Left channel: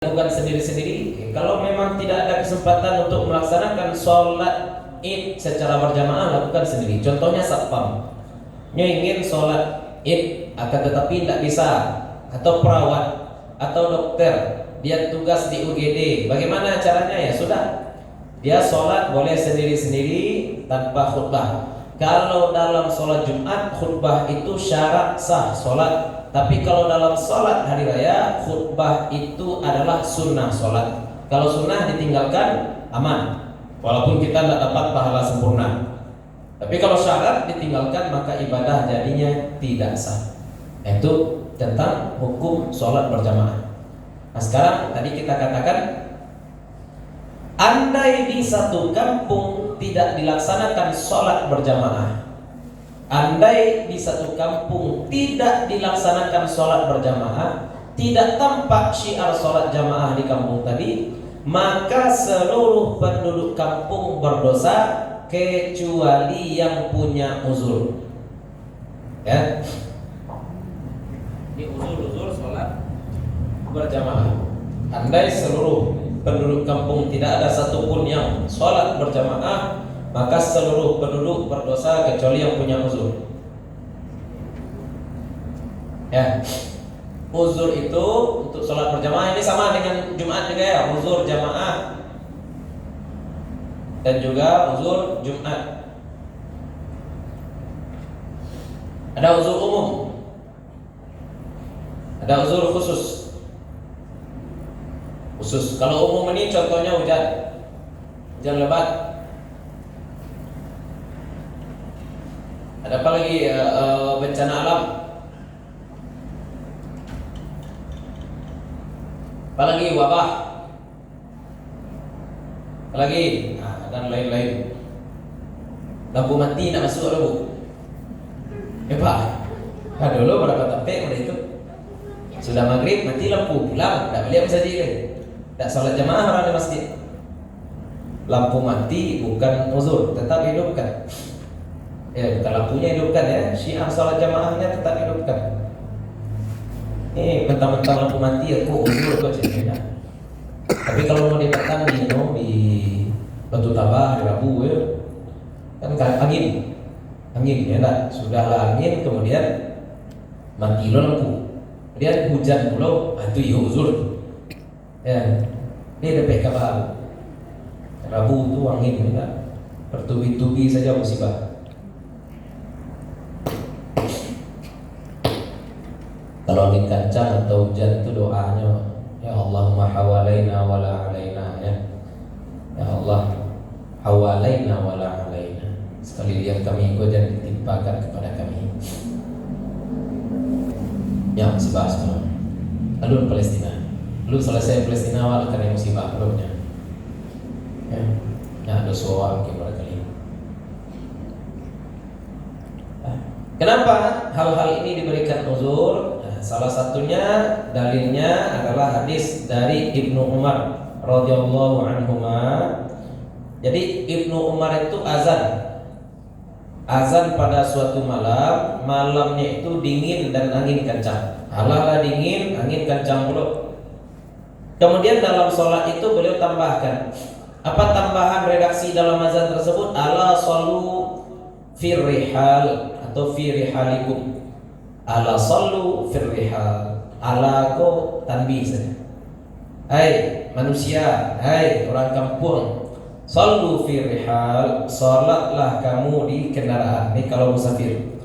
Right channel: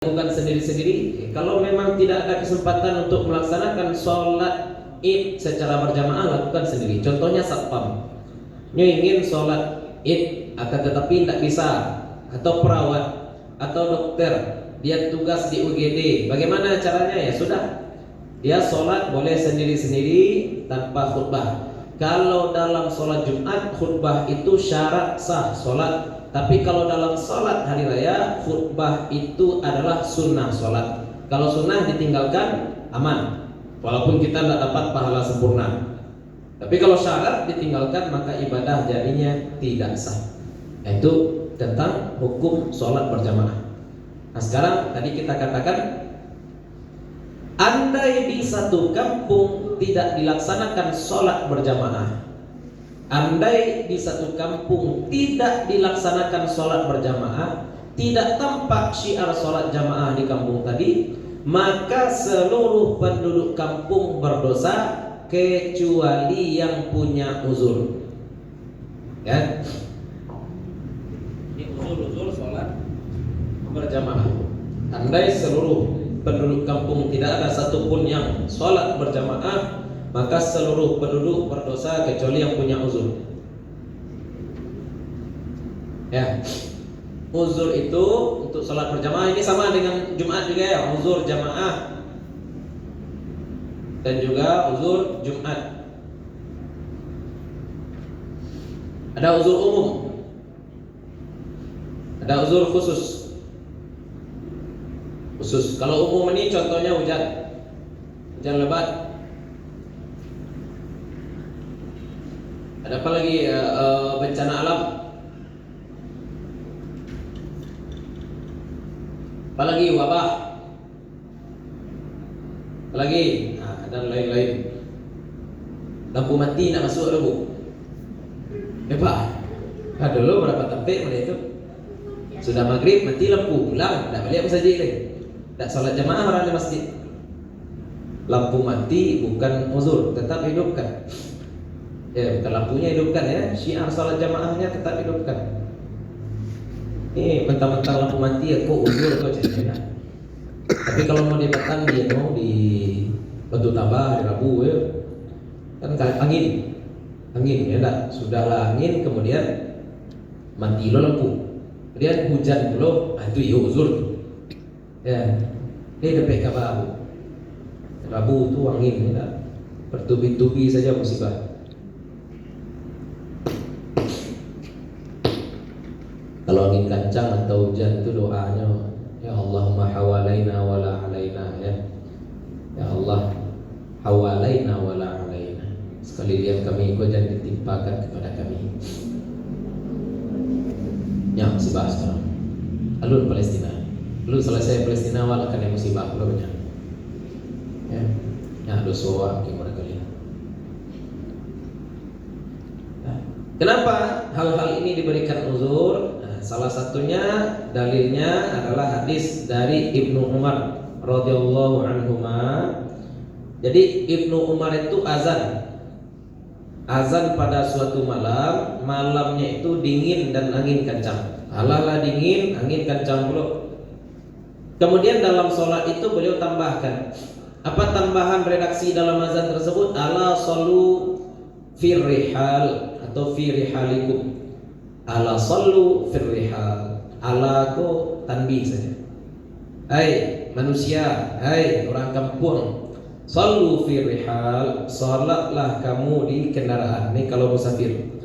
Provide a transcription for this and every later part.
Lakukan sendiri-sendiri. Kalau memang tidak ada kesempatan untuk melaksanakan sholat id secara berjamaah, lakukan sendiri. Contohnya satpam, ingin sholat id akan tetapi tidak bisa, atau perawat atau dokter, dia tugas di UGD. Bagaimana caranya? Ya sudah, dia sholat boleh sendiri-sendiri tanpa khutbah. Kalau dalam sholat Jumat, khutbah itu syarat sah sholat. Tapi kalau dalam sholat hari raya, khutbah itu adalah sunnah sholat. Kalau sunnah ditinggalkan, aman, walaupun kita tidak dapat pahala sempurna. Tapi kalau syarat ditinggalkan, maka ibadah jadinya tidak sah. Itu tentang hukum sholat berjamaah. Nah sekarang tadi kita katakan, andai di satu kampung tidak dilaksanakan sholat berjamaah, andai di satu kampung tidak dilaksanakan sholat berjamaah, tidak tampak syiar sholat jamaah di kampung tadi, maka seluruh penduduk kampung berdosa kecuali yang punya uzur. Ya, ini uzur sholat berjamaah. Andai seluruh penduduk kampung tidak ada satupun yang sholat berjamaah, maka seluruh penduduk berdosa kecuali yang punya uzur. Ya, uzur itu untuk sholat berjamaah ini sama dengan Jumat juga ya, uzur jamaah dan juga uzur Jumat. Ada uzur umum, ada uzur khusus. Kalau umum ini contohnya hujan lebat. Ada apa lagi? Bencana alam. Apa lagi? Wabah. Apa lagi? Dan lain-lain. Lampu mati nak masuk dulu. Pak. Dulu berapa tampik pada itu? Sudah maghrib mati lampu, pulang, tidak balik masjid kan? Tak salat jamaah orang di masjid. Lampu mati bukan uzur, tetap hidupkan. Ya, bukan lampunya hidupkan ya, syiar salat jamaahnya tetap hidupkan. Ini mentang-mentang lampu mati aku uzur kok cerita. Tapi kalau mau dipatang di Batu Tabah, di Rabu ya, kan angin ya enggak, sudahlah angin kemudian mati lampu. Kemudian hujan pula, itu ya uzur. Ya, ini ada PK baru. Rabu itu angin ya, bertubi-tubi saja musibah. Kalau angin kencang atau hujan itu doanya, ya Allahumma hawalaina wala alaina ya. Ya Allah, hawalaina wala alaina. Sekali lihat kami ikut dan ditimpakan kepada kami. Yang sebab sekarang. Lalu Palestina. Lalu selesai Palestina wala karena musibah belumnya. Ya. Ya dosa kepada kalian. Kenapa hal-hal ini diberikan uzur? Salah satunya dalilnya adalah hadis dari Ibnu Umar radhiyallahu anhuma. Jadi Ibnu Umar itu azan pada suatu malam, malamnya itu dingin dan angin kencang. Halala dingin, angin kencang pula. Kemudian dalam sholat itu beliau tambahkan, apa tambahan redaksi dalam azan tersebut? Ala sallu fir rihal atau fi rihalikum. Ala sallu fir rihal. Ala ko tanbih saja. Hai manusia, hai orang kampung, sallu fi rihal, salatlah kamu di kendaraan. Ini kalau musafir.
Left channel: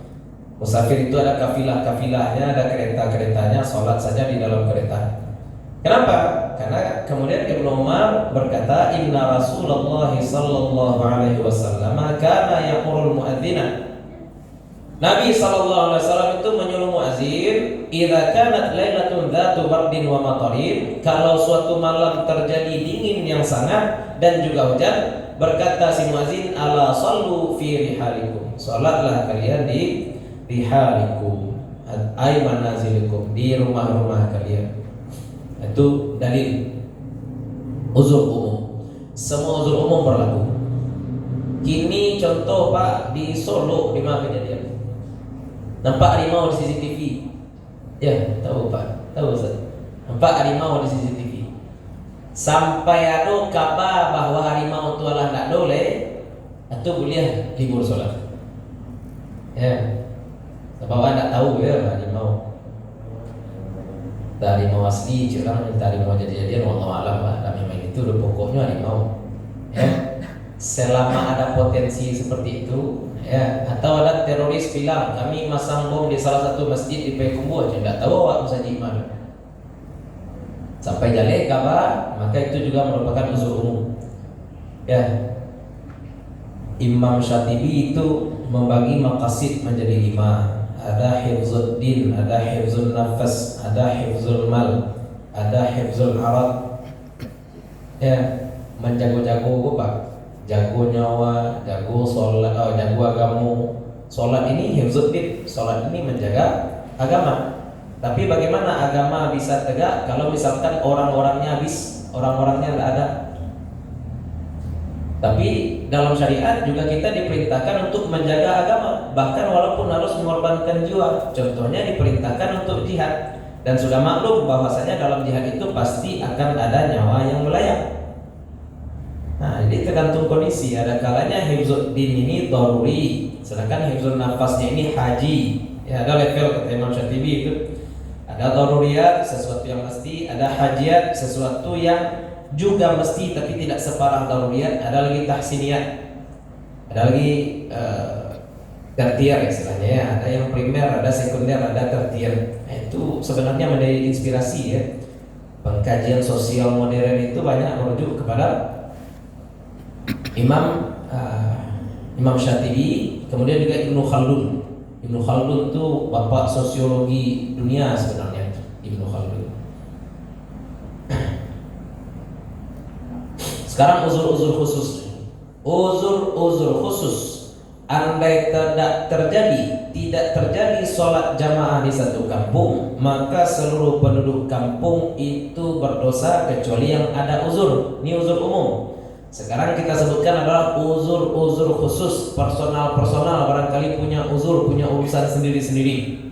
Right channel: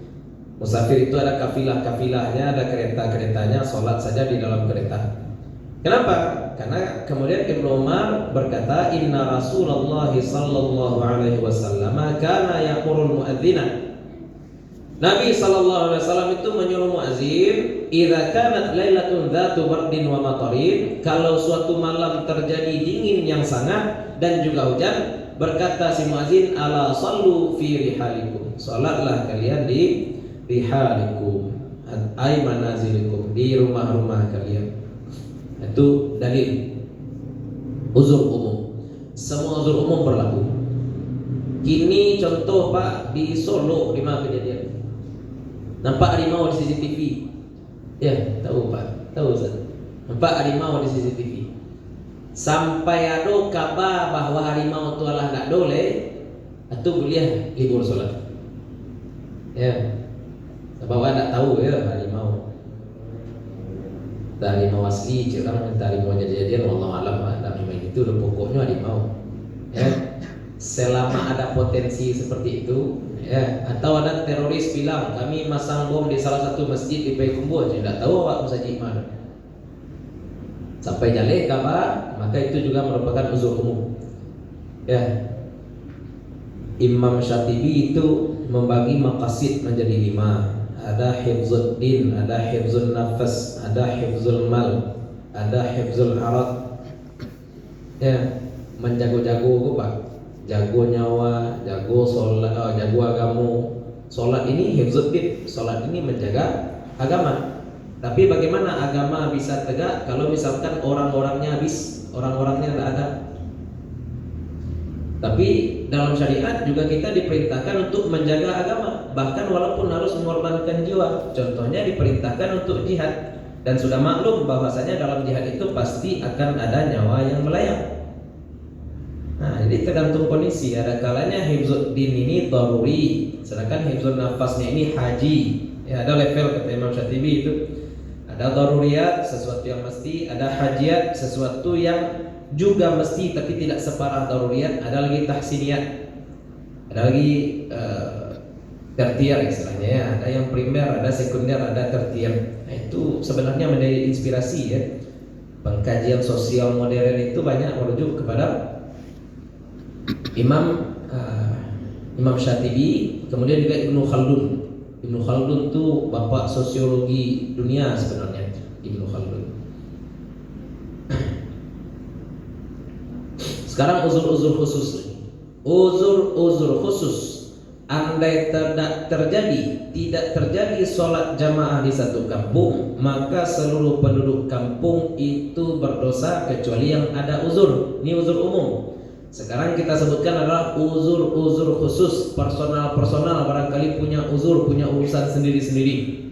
Musafir itu ada kafilah-kafilahnya, ada kereta-keretanya, salat saja di dalam kereta. Kenapa? Karena kemudian Ibnu Umar berkata, inna Rasulullah sallallahu alaihi wasallam kana yaqurul muadzina. Nabi sallallahu alaihi wasallam itu menyuruh muazin, idza kanat lailatun dzatu bardin wa matarin, kalau suatu malam terjadi dingin yang sangat dan juga hujan, berkata si muazin, ala sallu fi rihalikum, salatlah kalian di rihalikum, ay manazilikum, di rumah-rumah kalian. Itu dalil uzur umum. Semua uzur umum berlaku. Kini contoh Pak, di Solo di mana kejadian? Nampak harimau di CCTV. Ya, tahu Pak. Tahu Ustaz. Nampak harimau di CCTV. sampai adu kabar bahwa harimau itu adalah nak dole, itu boleh libur sholat. Ya, sebab tidak tahu ya harimau. Harimau asli, orang yang harimau jadi-jadian, wallahu alam. Memang itu udah pokoknya harimau. Ya, selama ada potensi seperti itu, ya, atau ada teroris bilang kami masang bom di salah satu masjid di Payakumbuh, aja tidak tahu awak masjid mana. Sampai jaleh kabar, maka itu juga merupakan uzur umum. Ya, Imam Syatibi itu membagi maqasid menjadi 5. Ada hifzul din, ada hifzul nafas, ada hifzul mal, ada hifzul arad. Ya, menjago-jago apa? Jago nyawa, jago sholat, jago agama. Sholat ini hifzul din, sholat ini menjaga agama. Tapi bagaimana agama bisa tegak kalau misalkan orang-orangnya habis, orang-orangnya tidak ada? Tapi dalam syariat juga kita diperintahkan untuk menjaga agama, bahkan walaupun harus mengorbankan jiwa. Contohnya diperintahkan untuk jihad, dan sudah maklum bahwasanya dalam jihad itu pasti akan ada nyawa yang melayang. Nah, jadi tergantung kondisi. Ada kalanya hifzul din ini daruri, sedangkan hifzul nafasnya ini haji. Ya, ada level kata Imam Syatibi itu. Ada daruriyat, sesuatu yang mesti. Ada hajiat, sesuatu yang juga mesti tapi tidak separah daruriyat. Ada lagi tahsiniyat, ada lagi tertiar istilahnya ya. Ada yang primer, ada sekunder, ada tertiar. Nah, itu sebenarnya menjadi inspirasi ya. Pengkajian sosial modern itu banyak merujuk kepada Imam Syatibi, kemudian juga Ibnu Khaldun. Ibnu Khaldun itu bapak sosiologi dunia sebenarnya, Ibnu Khaldun. Sekarang uzur-uzur khusus. Uzur-uzur khusus. Andai tidak terjadi sholat jamaah di satu kampung, maka seluruh penduduk kampung itu berdosa kecuali yang ada uzur. Ini uzur umum. Sekarang kita sebutkan adalah uzur-uzur khusus, personal barangkali punya uzur, punya urusan sendiri-sendiri.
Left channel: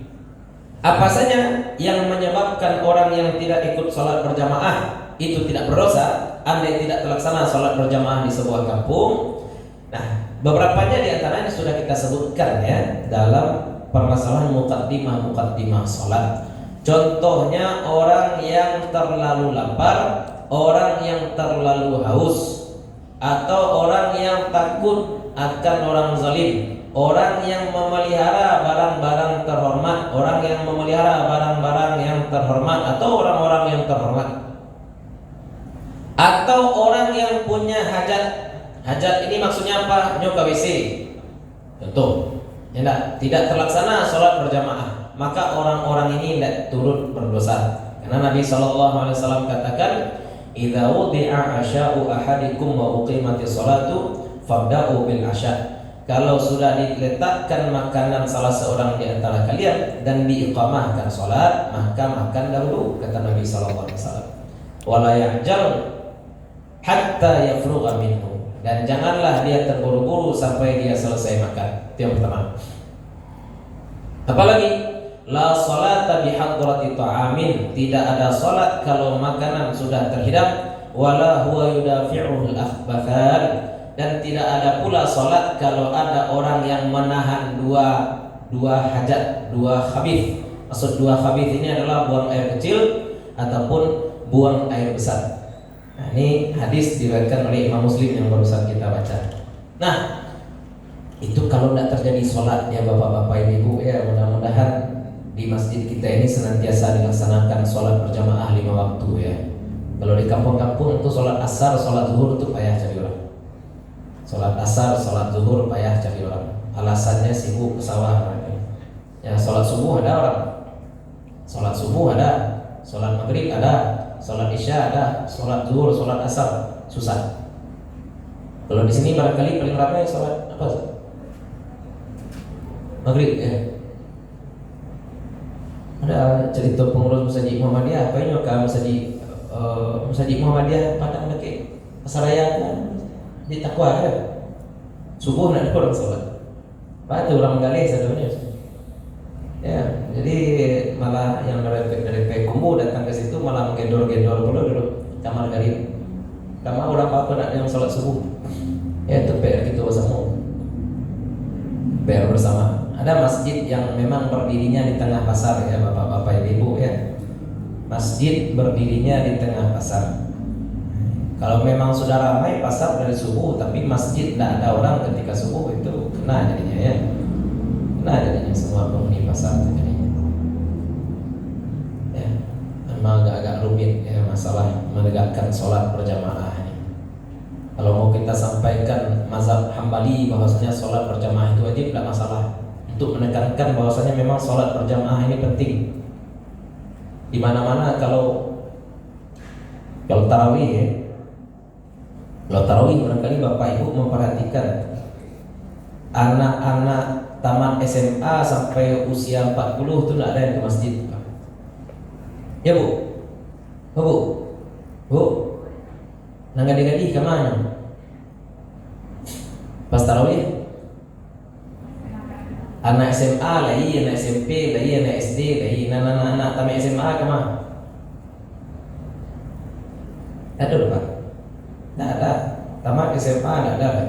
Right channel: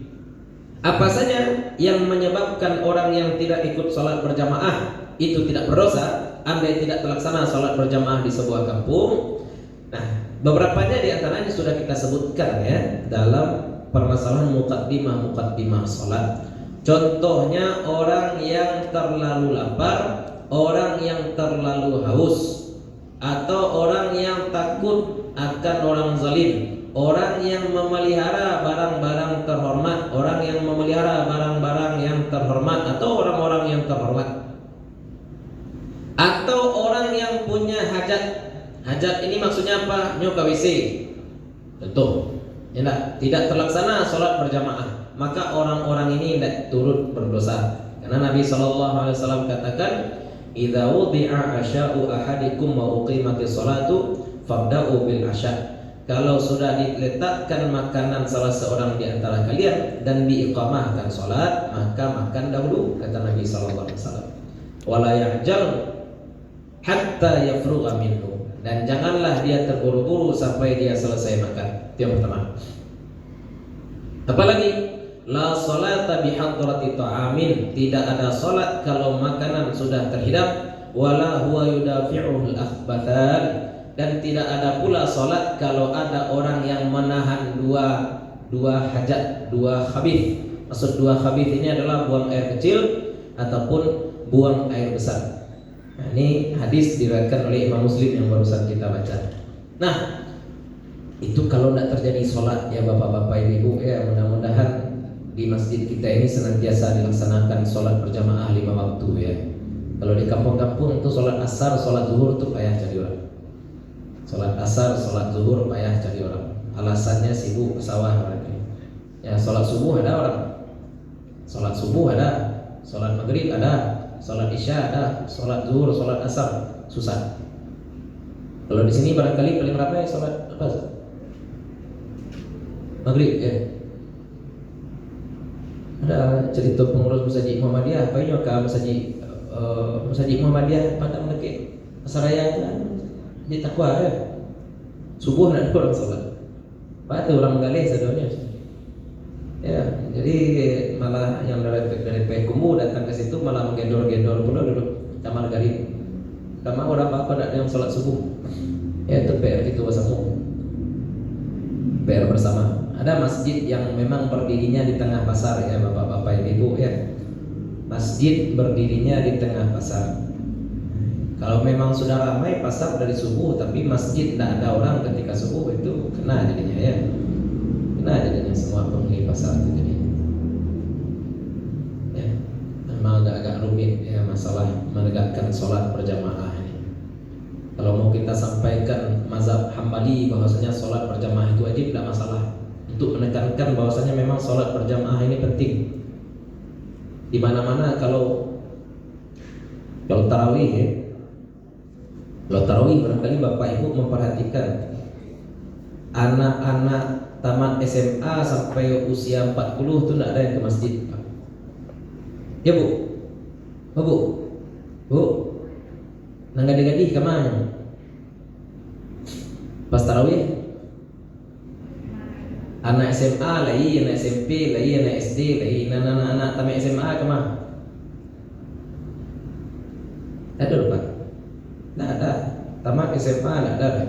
Apa saja yang menyebabkan orang yang tidak ikut sholat berjamaah itu tidak berdosa andai tidak terlaksana sholat berjamaah di sebuah kampung? Nah, beberapanya di antaranya sudah kita sebutkan ya dalam permasalahan muqaddimah sholat. Contohnya orang yang terlalu lapar, orang yang terlalu haus, atau orang yang takut akan orang zalim, orang yang memelihara barang-barang terhormat, orang yang memelihara barang-barang yang terhormat, atau orang-orang yang terhormat, atau orang yang punya hajat. Hajat ini maksudnya apa? Nyoba WC. Contoh, ya, tidak terlaksana sholat berjamaah, maka orang-orang ini tidak turut berdosa. Karena Nabi SAW katakan, idza wudi'a asya'u ahadikum wa uqimatis sholatu fabda'u bil asya'. Kalau sudah diletakkan makanan salah seorang di antara kalian dan diiqamahkan salat, maka makan dahulu, kata Nabi sallallahu alaihi wasallam. Wala ya'jal hatta yafrugha minhu, dan janganlah dia terburu-buru sampai dia selesai makan. Itu yang pertama. Apalagi la salata bihadrati ta'amin, tidak ada salat kalau makanan sudah terhidang. Wala huwa yudafi'uhul akhbathan, dan tidak ada pula salat kalau ada orang yang menahan dua hajat, dua khabith. Maksud dua khabith ini adalah buang air kecil ataupun buang air besar. Nah, ini hadis diriwayatkan oleh Imam Muslim yang barusan kita baca. Nah, itu kalau tidak terjadi salat ya bapak-bapak ibu ya, mudah-mudahan di masjid kita ini senantiasa dilaksanakan sholat berjamaah 5 waktu ya. Kalau di kampung-kampung itu sholat asar, sholat zuhur itu payah cari orang. Sholat asar, sholat zuhur payah cari orang. Alasannya sibuk ke sawah. Ya, sholat subuh ada orang. Sholat subuh ada, sholat maghrib ada, sholat isya ada, sholat zuhur, sholat asar susah. Kalau di sini barangkali paling ramai sholat apa? Maghrib ya. Ada cerita pengurus Masjid Muhammadiyah, apa ini ke Masjid Muhammadiyah Padang lagi Asaraya kan di takwa ya. Subuh nak ada orang salat. Pak itu orang menggali satunya. Ya, jadi malah yang dari Payakumbuh datang ke situ malah menggedor-gedor dulu kamar gali. apa nak yang sholat subuh. Ya itu PR gitu bersama. PR bersama. Ada masjid yang memang berdirinya di tengah pasar ya bapak-bapak ibu ya. Masjid berdirinya di tengah pasar. Kalau memang sudah ramai pasar dari subuh tapi masjid tidak ada orang ketika subuh, itu kena jadinya ya. Kena jadinya semua penghuni pasar jadinya. Ya, memang agak rumit ya masalah menegakkan sholat berjamaah. Kalau mau kita sampaikan mazhab Hambali bahwasanya sholat berjamaah itu wajib, tidak masalah. Untuk menekankan bahwasanya memang sholat berjamaah ini penting. Di mana-mana kalau tarawih ya. Kalau tarawih barangkali Bapak Ibu memperhatikan anak-anak tamat SMA sampai usia 40 itu tidak ada yang ke masjid. Ya Bu? Bu? Nang gadi-gadi kemana? Pas tarawih? Anak SMA lagi, anak SMP lagi, anak SD lagi, anak tamat SMA kemana? Ada Pak? Tidak ada. Tamat SMA tidak ada.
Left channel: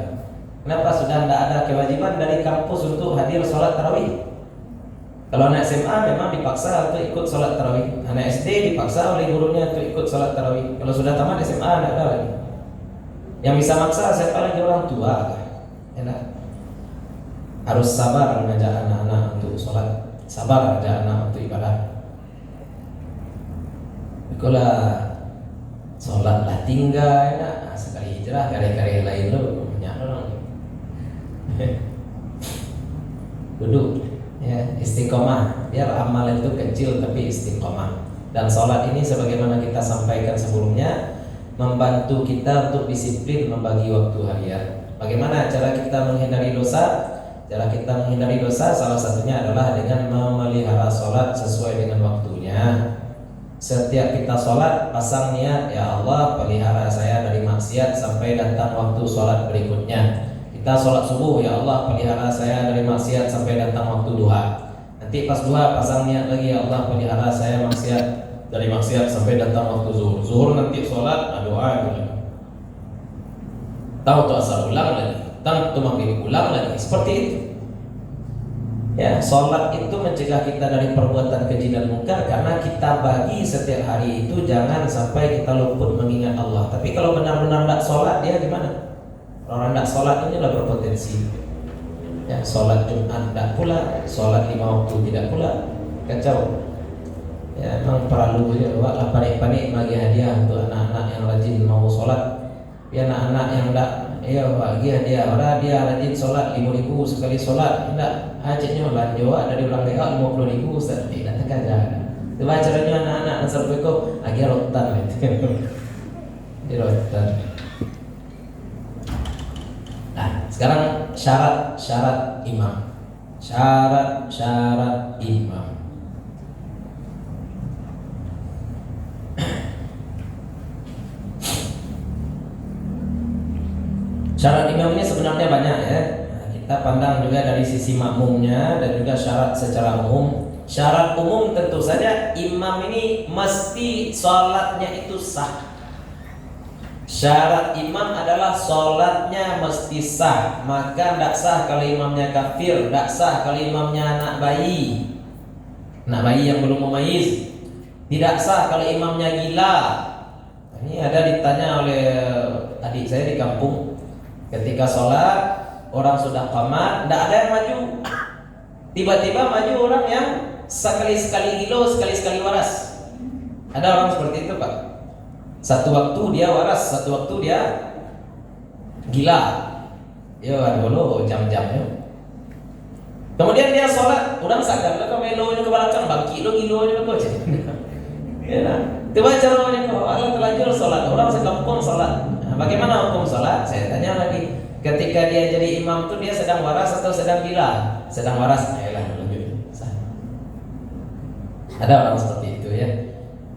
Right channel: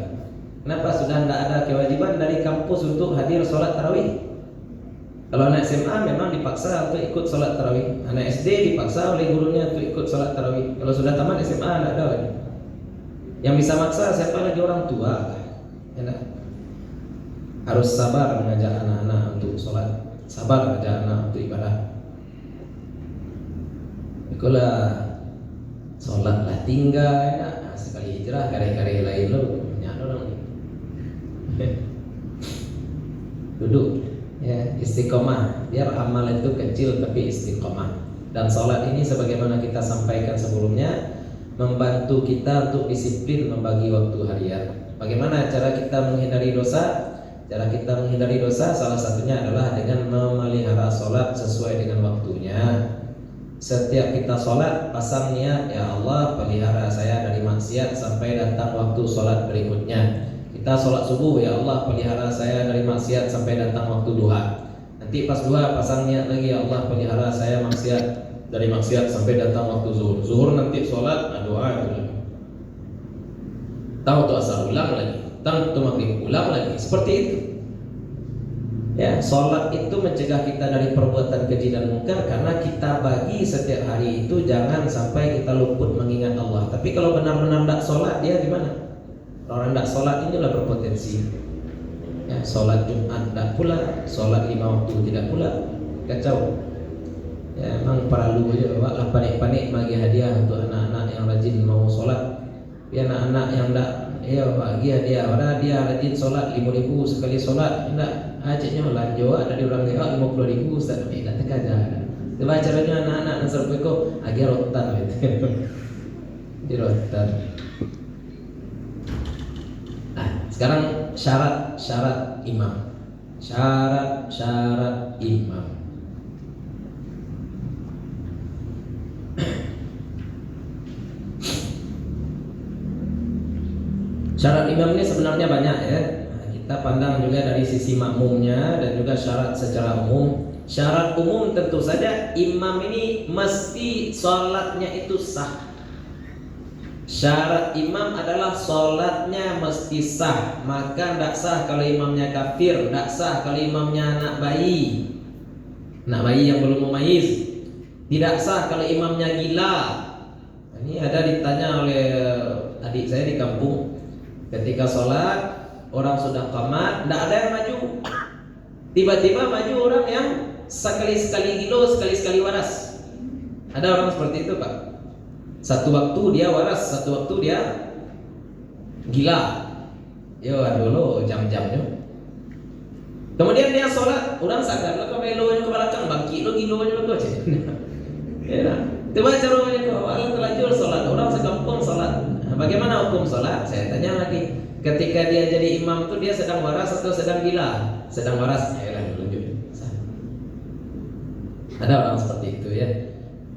Kenapa sudah tidak ada kewajiban dari kampus untuk hadir sholat tarawih? Kalau anak SMA memang dipaksa untuk ikut sholat tarawih. Anak SD dipaksa oleh gurunya untuk ikut sholat tarawih. Kalau sudah tamat SMA tidak ada lagi. Yang bisa maksa siapa lagi? Orang tua. Enak. Harus sabar mengajak anak-anak untuk sholat. Sabar mengajak anak untuk ibadah. Itulah sholatlah tinggal enak. Sekali hijrah kari-kari lain lu banyak dong. Duduk ya, istiqomah. Biar amal itu kecil tapi istiqomah. Dan sholat ini sebagaimana kita sampaikan sebelumnya, membantu kita untuk disiplin membagi waktu harian. Bagaimana cara kita menghindari dosa? Cara kita menghindari dosa salah satunya adalah dengan memelihara sholat sesuai dengan waktunya. Setiap kita sholat pasang niat, ya Allah pelihara saya dari maksiat sampai datang waktu sholat berikutnya. Kita sholat subuh, ya Allah pelihara saya dari maksiat sampai datang waktu duha. Nanti pas duha pasang niat lagi, ya Allah pelihara saya dari maksiat sampai datang waktu zuhur. Zuhur nanti sholat, doa lagi. Tahu tuh asar ulang lagi, tahu tuh maghrib ulang lagi. Seperti itu. Ya, sholat itu mencegah kita dari perbuatan keji dan munkar karena kita bagi setiap hari itu jangan sampai kita luput mengingat Allah. Tapi kalau benar-benar tidak sholat, dia gimana? Orang tidak sholat ini adalah berpotensi. Ya, sholat Jumat tidak pula, sholat 5 waktu tidak pula, kacau. Ya, memang perlu juga panik-panik bagi hadiah untuk anak-anak yang rajin mau sholat. Ya, anak-anak yang tidak, ya bagi hadiah. Padahal dia rajin sholat 5.000 sekali sholat, tidak. Hajatnya belanja dari orang lewat 50.000 Ustaz, tidak terkaja. Coba caranya anak-anak sampai kau lagi rotan gitu. Di rotan. Nah, sekarang syarat imam. Syarat imam. Syarat imam ini sebenarnya banyak ya. Kita pandang juga dari sisi makmumnya dan juga syarat secara umum. Syarat umum tentu saja imam ini mesti sholatnya itu sah. Syarat imam adalah sholatnya mesti sah. Maka tidak sah kalau imamnya kafir, tidak sah kalau imamnya anak bayi yang belum mumayyiz, tidak sah kalau imamnya gila. Ini ada ditanya oleh adik saya di kampung, ketika sholat orang sudah qamat, tidak ada yang maju. Tiba-tiba maju orang yang sekali-sekali gilo, sekali-sekali waras. Ada orang seperti itu Pak. Satu waktu dia waras, satu waktu dia gila. Yo dulu jam-jamnya. Kemudian dia sholat, orang sadar lah belonya ke belakang, bangki lo gilonya ke ya. Coba cara namanya Allah terlanjur sholat, orang sekampung sholat. Nah, bagaimana hukum sholat? Saya tanya lagi. Ketika dia jadi imam itu dia sedang waras atau sedang gila? Sedang waras. Ada orang seperti itu ya.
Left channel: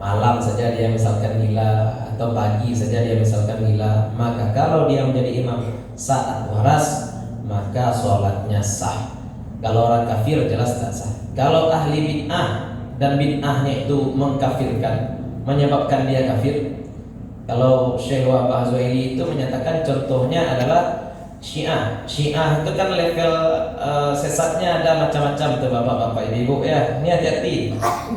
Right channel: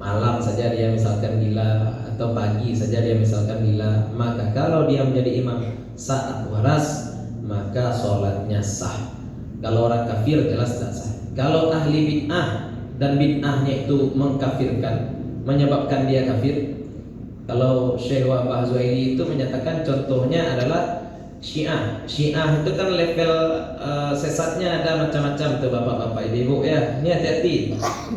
Malam saja dia misalkan gila atau pagi saja dia misalkan gila. Maka kalau dia menjadi imam saat waras, maka sholatnya sah. Kalau orang kafir jelas tidak sah. Kalau ahli bid'ah dan bid'ahnya itu mengkafirkan, menyebabkan dia kafir, Kalau Syekh Wahbah Zuhaili itu menyatakan contohnya adalah Syiah. Syiah itu kan level sesatnya ada macam-macam tuh bapak-bapak ibu-ibu ya. Ini hati-hati.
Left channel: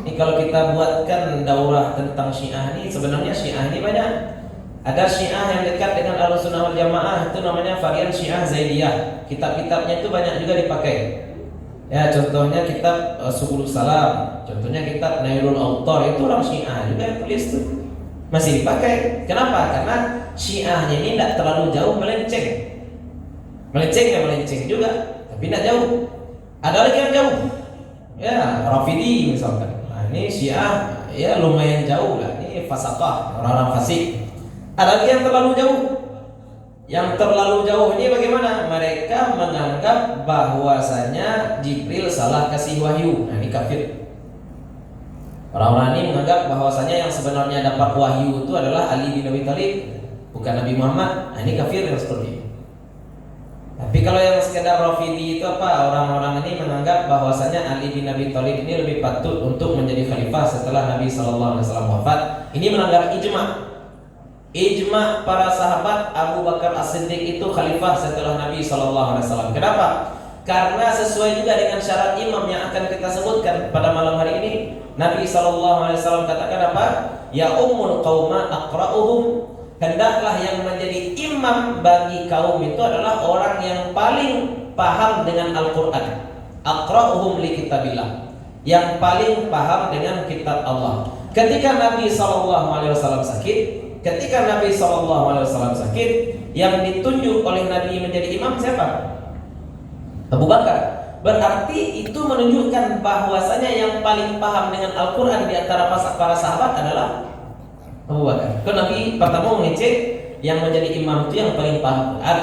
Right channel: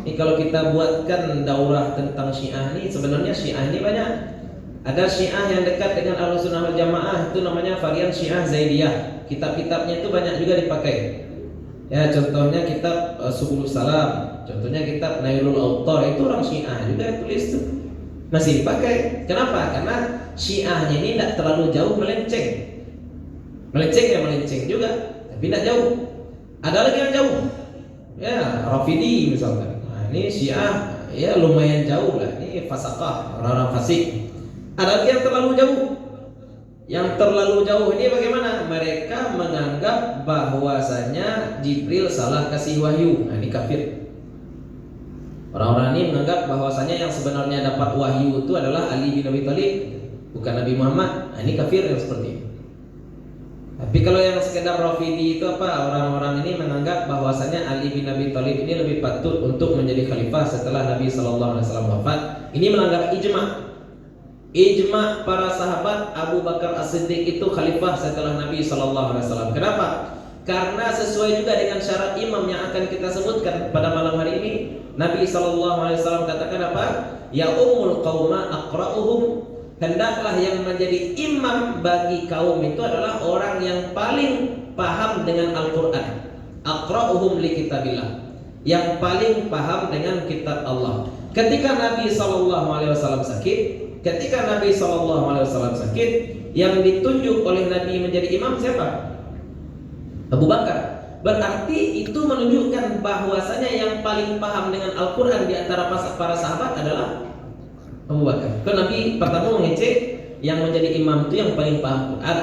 Ini kalau kita buatkan daurah tentang Syiah ini, sebenarnya Syiah ini banyak. Ada Syiah yang dekat dengan Ahlussunnah wal Jamaah, itu namanya varian Syiah Zaidiyah. Kitab-kitabnya itu banyak juga dipakai. Ya, contohnya kitab Subul Salam, contohnya kitab Nailul Autar, itu orang Syiah juga yang tulis tuh. Masih dipakai. Kenapa? Karena Syiahnya ini tidak terlalu jauh melenceng. Melenceng ya melenceng juga, tapi tidak jauh. Ada lagi yang jauh. Ya, Rafidi misalkan. Nah, ini Syiah ya lumayan jauh lah. Ini fasaqah, orang-orang fasik. Ada lagi yang terlalu jauh. Yang terlalu jauh ini bagaimana? Mereka menganggap bahwasanya Jibril salah kasih wahyu. Nah, ini kafir. Orang-orang ini menganggap bahwasanya yang sebenarnya dapat wahyu itu adalah Ali bin Abi Thalib, bukan Nabi Muhammad. Nah, ini kafir yang seperti ini. Tapi kalau yang sekedar Rafidi itu apa? Orang-orang ini menganggap bahwasanya Ali bin Abi Thalib ini lebih patut untuk menjadi khalifah setelah Nabi sallallahu alaihi wasallam wafat. Ini melanggar ijma'. Ijma' para sahabat Abu Bakar As-Siddiq itu khalifah setelah Nabi sallallahu alaihi wasallam. Kenapa? Karena sesuai juga dengan syarat imam yang akan kita sebutkan pada malam hari ini. Nabi sallallahu alaihi wasallam katakan apa? Ya ummul qauma aqra'uhum. Hendaklah yang menjadi imam bagi kaum itu adalah orang yang paling paham dengan Al-Qur'an. Aqra'uhum li kitabillah. Yang paling paham dengan kitab Allah. Ketika Nabi sallallahu alaihi wasallam sakit, yang ditunjuk oleh Nabi menjadi imam siapa? Abu Bakar. Berarti itu menunjukkan bahwasanya yang paling paham dengan Al-Quran di antara para sahabat adalah Abu Bakar. Kan Nabi pertama mengecek yang menjadi imam itu yang paling paham Quran.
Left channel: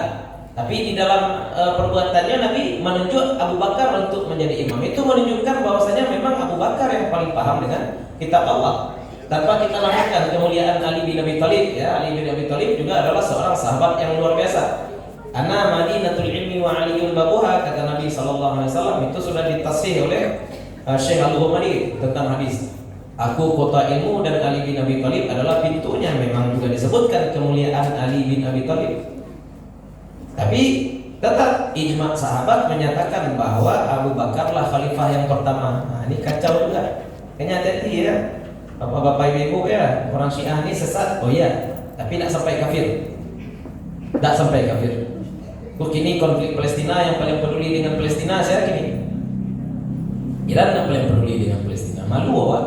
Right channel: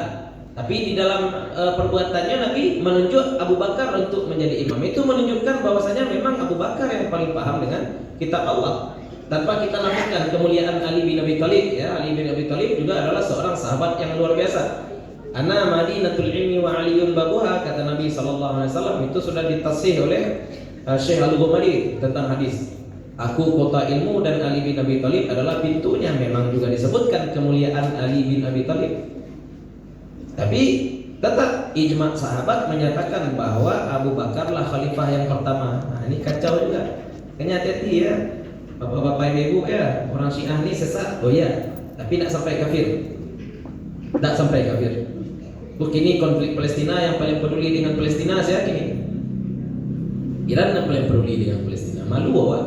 Tapi di dalam perbuatannya Nabi menunjuk Abu Bakar untuk menjadi imam. Itu menunjukkan bahwasanya memang Abu Bakar yang paling paham dengan kitab Allah. Tanpa kita lakukan kemuliaan Ali bin Abi Thalib, ya, Ali bin Abi Thalib juga adalah seorang sahabat yang luar biasa. Ana Madinatul Ilmi wa Aliyun babuha, kata Nabi sallallahu alaihi wasallam. Itu sudah ditasih oleh Syekh Al-Ghumari tentang hadis. Aku kota ilmu dan Ali bin Abi Thalib adalah pintunya. Memang juga disebutkan kemuliaan Ali bin Abi Thalib. Tapi tetap ijma' sahabat menyatakan bahwa Abu Bakarlah khalifah yang pertama. Nah, ini kacau juga. Kenyataan ya. Bapak-bapak ibu ya, orang Syiah ini sesat. Oh iya, tapi tidak sampai kafir. Tidak sampai kafir. Kini konflik Palestina yang paling peduli dengan Palestina saya kini. Iran yang paling peduli dengan Palestina. Malu awak.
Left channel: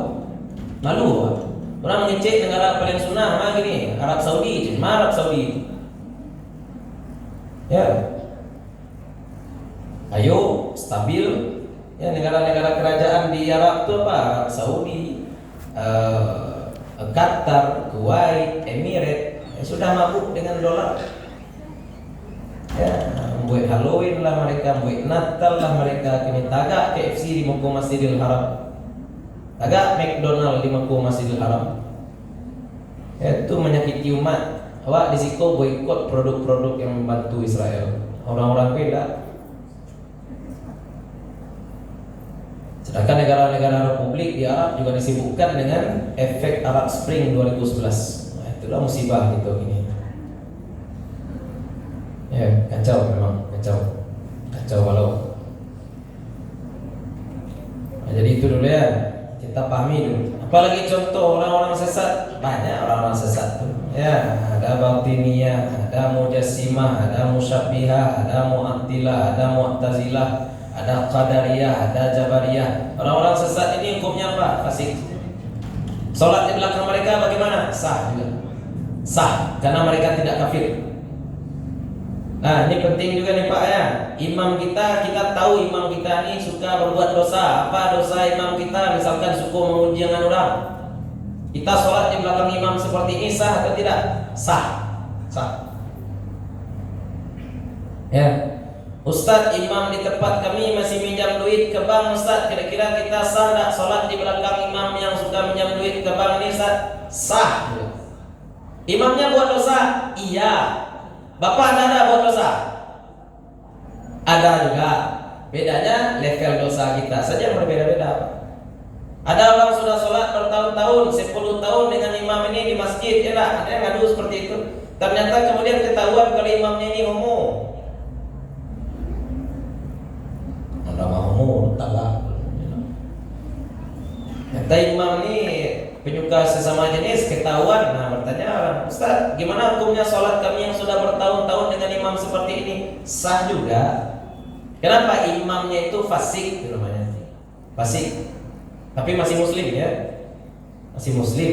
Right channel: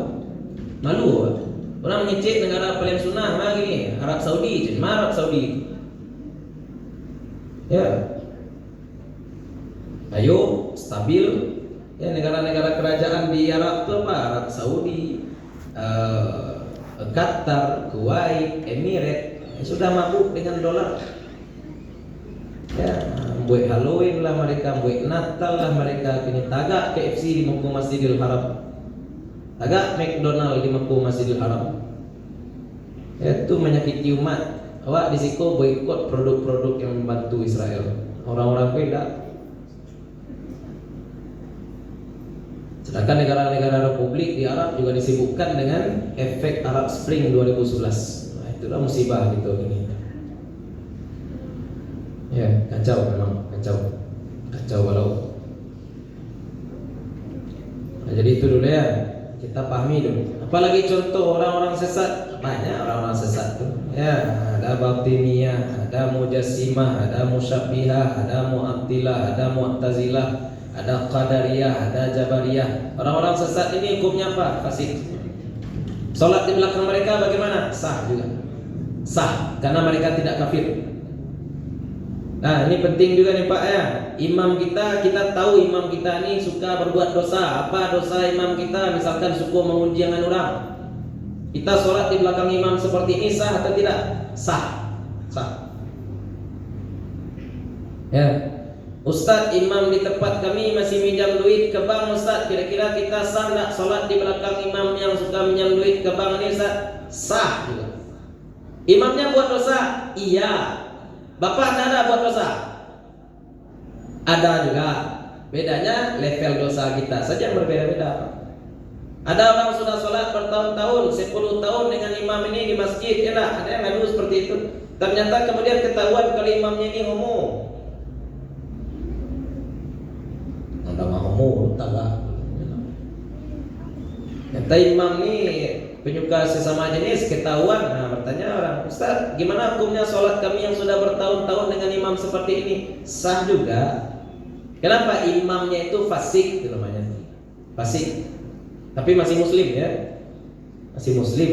Orang mengecek negara paling sunnah mah gini, Arab Saudi, Arab Saudi. Ya. Ayo stabil. Ya, negara-negara kerajaan di Arab itu apa? Arab Saudi, Qatar, Kuwait, Emirat sudah mabuk dengan dolar. Ya, buat Halloween lah mereka, buat Natal lah mereka, kini tagak KFC di muka Masjidil Haram, tagak McDonald di muka Masjidil Haram. Itu menyakiti umat. Awak disiko boikot produk-produk yang membantu Israel. Orang-orang beda. Sedangkan negara-negara Republik di Arab juga disibukkan dengan efek Arab Spring 2011. Nah, itulah musibah gitu ini. Ya, kacau memang, kacau balau. Nah, jadi itu dulu ya, kita pahami dulu. Apalagi contoh orang-orang sesat, banyak orang-orang sesat tuh. Ya, ada Batiniyah, ada Mujassimah, ada Musyabbihah, ada Mu'attilah, ada Mu'tazilah, ada Qadariyah, ada Jabariyah. Orang-orang sesat ini hukumnya apa? Fasik. Salat di belakang mereka bagaimana? Sah juga. Sah, karena mereka tidak kafir. Nah, ini penting juga nih Pak ya. Imam kita tahu imam kita ini suka berbuat dosa. Apa dosa imam kita? Misalkan suka menguji dengan orang. Kita sholat di belakang imam seperti ini sah atau tidak? Sah. Ya. Ustadz, imam di tempat kami masih minjam duit ke bank. Ustadz, kira-kira kita sah tidak sholat di belakang imam yang suka minjam duit ke bank ini? Ustadz, sah juga. Imamnya buat dosa? Iya. Bapak ada buat dosa? Ada juga. Bedanya level dosa kita saja berbeda-beda. Ada orang sudah sholat bertahun-tahun, 10 tahun dengan imam ini di masjid, ada yang ngadu seperti itu. Ternyata kemudian ketahuan kalau imamnya ini homo. Ada homo, tangga. Kata imam ini penyuka sesama jenis, ketahuan. Nah, bertanya orang, Ustaz, gimana hukumnya sholat kami yang sudah bertahun-tahun dengan imam seperti ini? Sah juga. Kenapa? Imamnya itu fasik, itu namanya. Fasik. Tapi masih muslim ya. Masih muslim.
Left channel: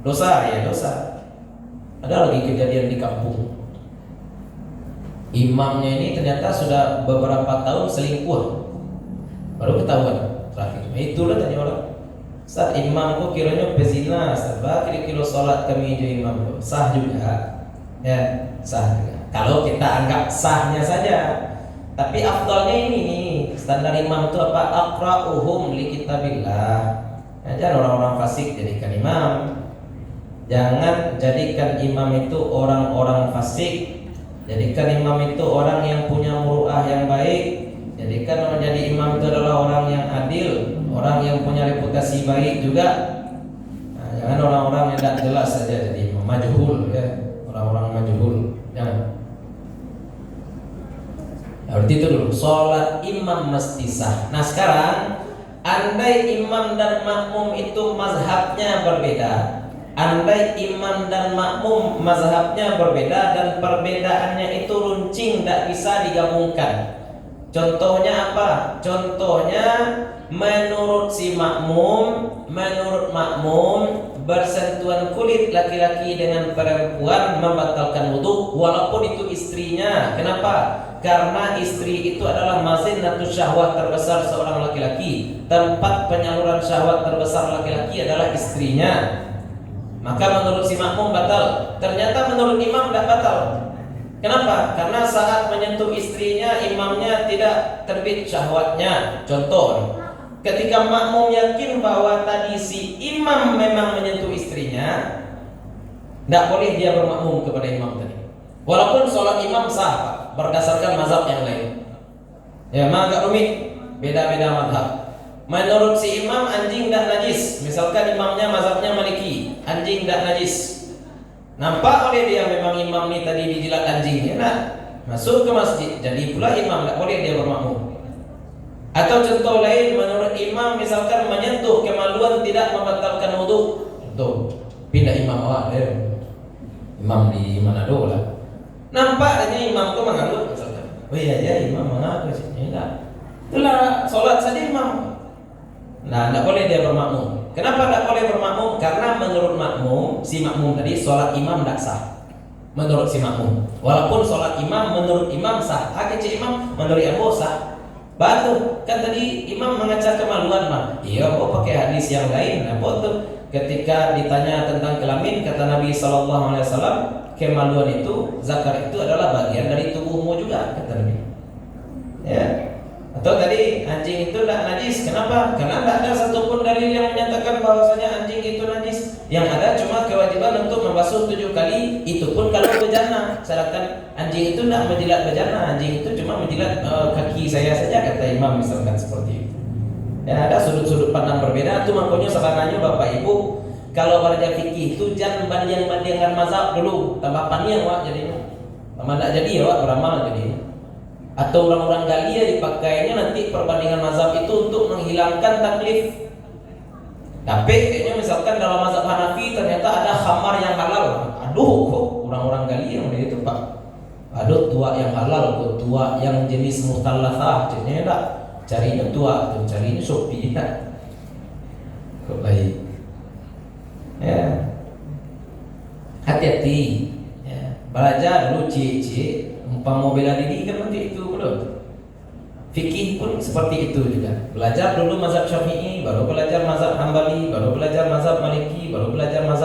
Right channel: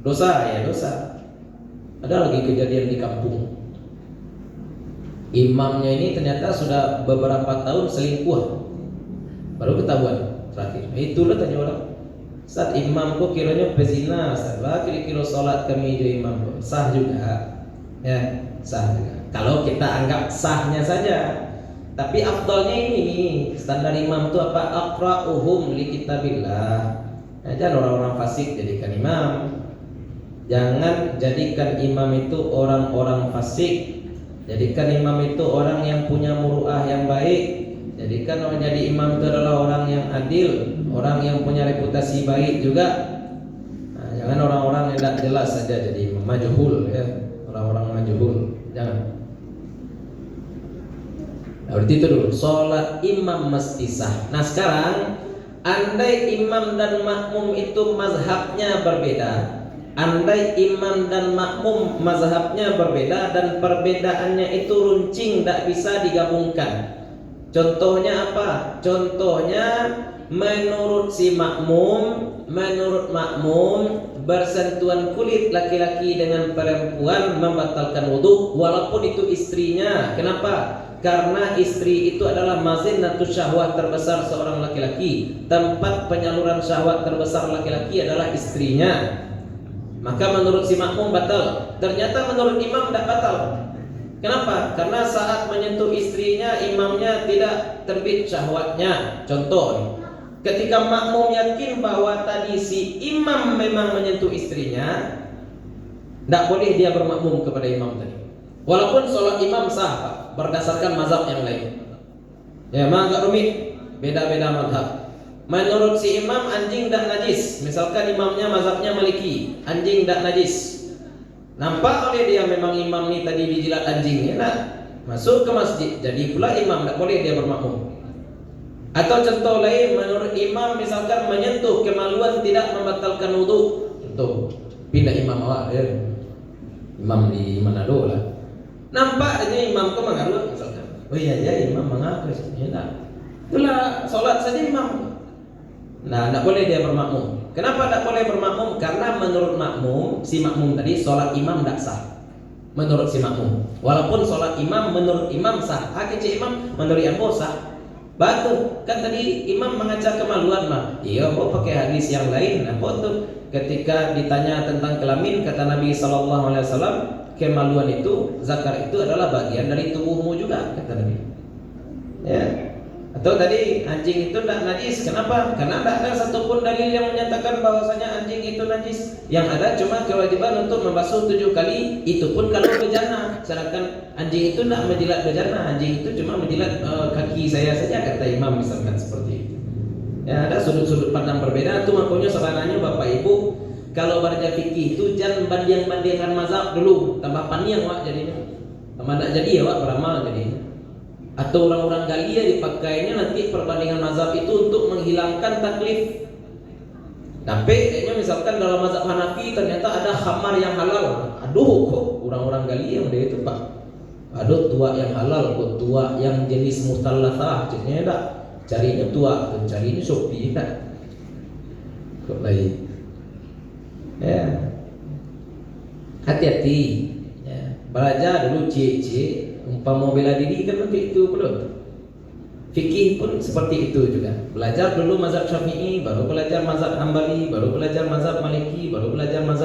Dosa ya, dosa. Ada lagi kejadian di kampung. Imamnya ini ternyata sudah beberapa tahun selingkuh. Baru ketahuan terakhir. Itulah tanya orang, Ustaz, imamku kiranya pezina, kira-kira sholat kami jadi imam. Sah juga. Ya, sah juga. Kalau kita anggap sahnya saja. Tapi afdalnya ini, standar imam itu apa? Aqra'uhum li kitabillah. Jangan orang-orang fasik jadikan imam. Jangan jadikan imam itu orang-orang fasik. Jadikan imam itu orang yang punya muruah yang baik. Jadikan orang jadi imam itu adalah orang yang adil, orang yang punya reputasi baik juga. Nah, jangan orang-orang yang tidak jelas saja jadi imam, majhul ya, orang-orang majhul. Jangan. Berarti itu dulu, sholat imam mesti sah. Nah sekarang, andai imam dan makmum itu mazhabnya berbeda, andai imam dan makmum mazhabnya berbeda dan perbedaannya itu runcing, tidak bisa digabungkan. Contohnya apa? Contohnya menurut si makmum, bersentuhan kulit laki-laki dengan perempuan membatalkan wudhu walaupun itu istrinya. Kenapa? Karena istri itu adalah mazinnatus syahwat terbesar seorang laki-laki. Tempat penyaluran syahwat terbesar laki-laki adalah istrinya. Maka menurut si makmum batal. Ternyata menurut imam tidak batal. Kenapa? Karena saat menyentuh istrinya, imamnya tidak terbit syahwatnya. Contoh, ketika makmum yakin bahwa tadi si imam memang menyentuh istrinya, tidak boleh dia bermakmum kepada imam tadi. Walaupun sholat imam sah, Pak, berdasarkan mazhab yang lain. Ya, memang agak rumit, beda-beda mazhab. Menurut si imam anjing dan najis. Misalkan imamnya mazhabnya Maliki, anjing dan najis. Nampak oleh dia memang imam ini tadi dijilat anjingnya. Nah, masuk ke masjid, jadi pula imam tidak boleh dia bermakmum. Atau contoh lain, menurut imam misalkan menyentuh kemaluan tidak membatalkan wudhu. Contoh, pindah imam awak, imam di Manado lah. Nampaknya imam ke Manado misalkan. Oh iya aja imam mengaku sih. Itulah sholat saja imam. Nah, tidak boleh dia bermakmum. Kenapa tidak boleh bermakmum? Karena menurut makmum, si makmum tadi sholat imam tidak sah. Menurut si makmum, walaupun sholat imam menurut imam sah. Kecil imam menurut yang sah. Batu kan tadi imam mengacak kemaluan mah. Iya, kok pakai hadis yang lain. Apa tuh? Ketika ditanya tentang kelamin, kata Nabi SAW, kemaluan itu, zakar itu adalah bagian dari tubuhmu juga, kata Nabi. Ya. Atau tadi anjing itu tidak najis. Kenapa? Karena tidak ada satupun dalil yang menyatakan bahwasanya anjing itu najis. Yang ada cuma kewajiban untuk membasuh 7 kali. Itu pun kalau bejana. Sedangkan anjing itu tidak menjilat bejana. Anjing itu cuma menjilat kaki saya saja, kata imam misalkan seperti itu. Ya, ada sudut-sudut pandang berbeda. Itu makanya sebenarnya Bapak Ibu, kalau belajar fikih itu jangan banding-bandingkan mazhab dulu. Tambah panjang wak jadinya. Tambah tidak jadi ya wak beramal jadinya. Atau orang-orang Galia dipakainya nanti perbandingan mazhab itu untuk menghilangkan taklif. Tapi kayaknya misalkan dalam mazhab Hanafi ternyata ada khamar yang halal. Aduh, kok orang-orang Galia udah itu Pak. Aduh, tua yang halal, kok tua yang jenis mutallafah. Jadinya enggak carinya tua, carinya Shopee enggak. Kok baik. Ya. Hati-hati. Ya. Belajar dulu cek. Umpama bela diri kan nanti itu belum. Fikih pun seperti itu juga. Belajar dulu mazhab Syafi'i, baru belajar mazhab Hambali, baru belajar mazhab Maliki, baru belajar mazhab